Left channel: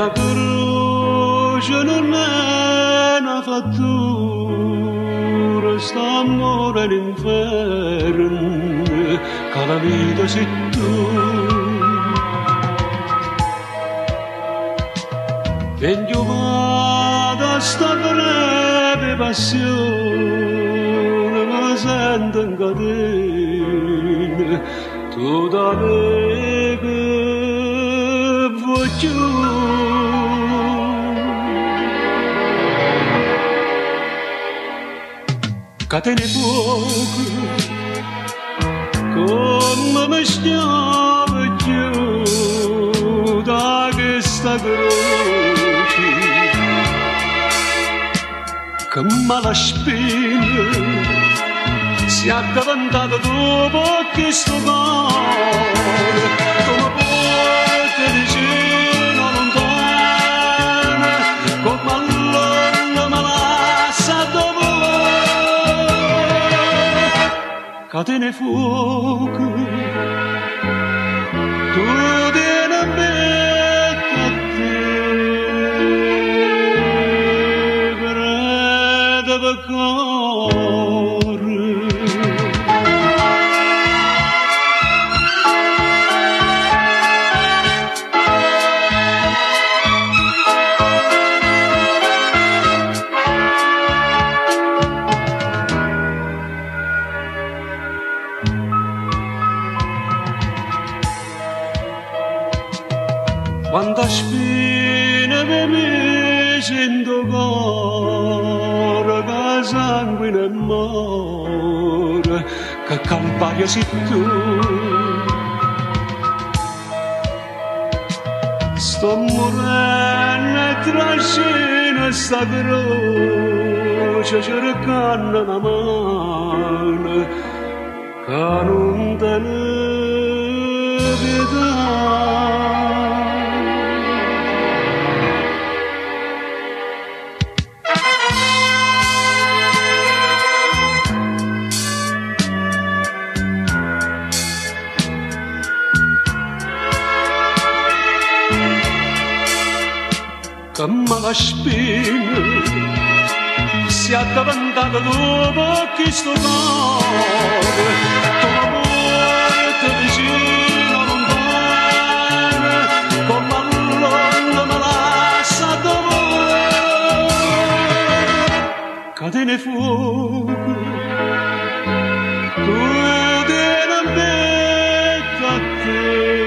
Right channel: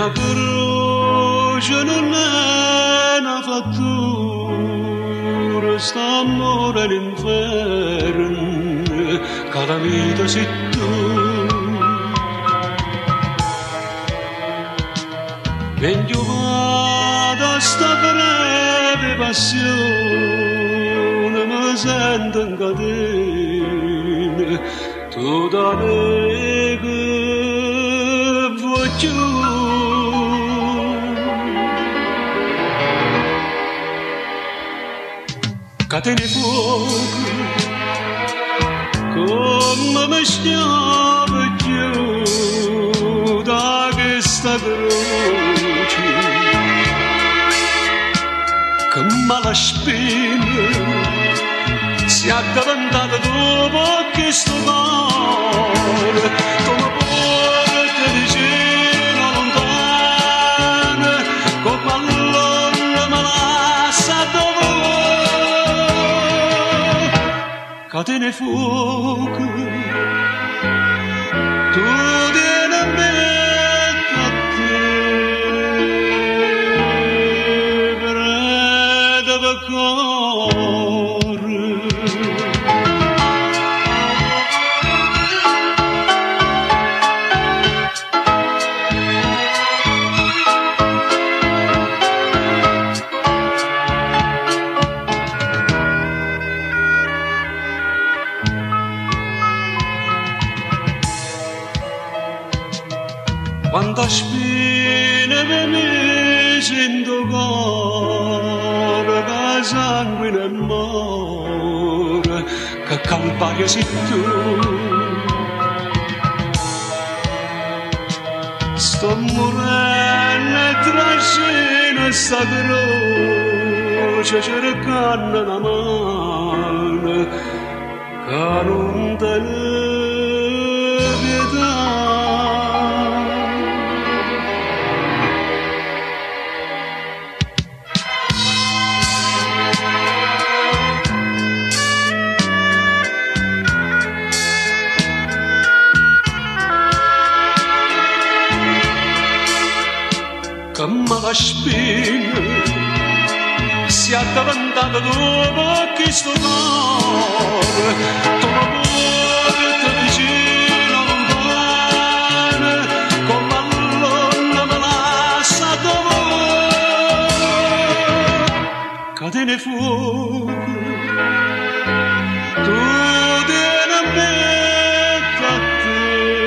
una croce non è una fattura, st'amore all'inferno, che la vita sei tu. Dentro vado a sta breve passione, mi sento in catena, tu da me che voglio. Catene fuoco, come mi stiamo più da questa croce, che mala spina si è addavantata dopo che sto cuore, come porta vicino lontana, come allora me lascia dopo. Catene fuoco, tu vieni a mettere a te, preda per cuore. Quanta spina per me sento cuore, che sangue nel mare, che calvaria sei tu. Sto morendo tra scena e sta croce, cercando una mano, che non te ne pietà. Che mala spina si è addavantata dopo che sto cuore, come porta vicino lontana, come allora me lascia dopo. Catene fuoco, tu vieni a mettere a te.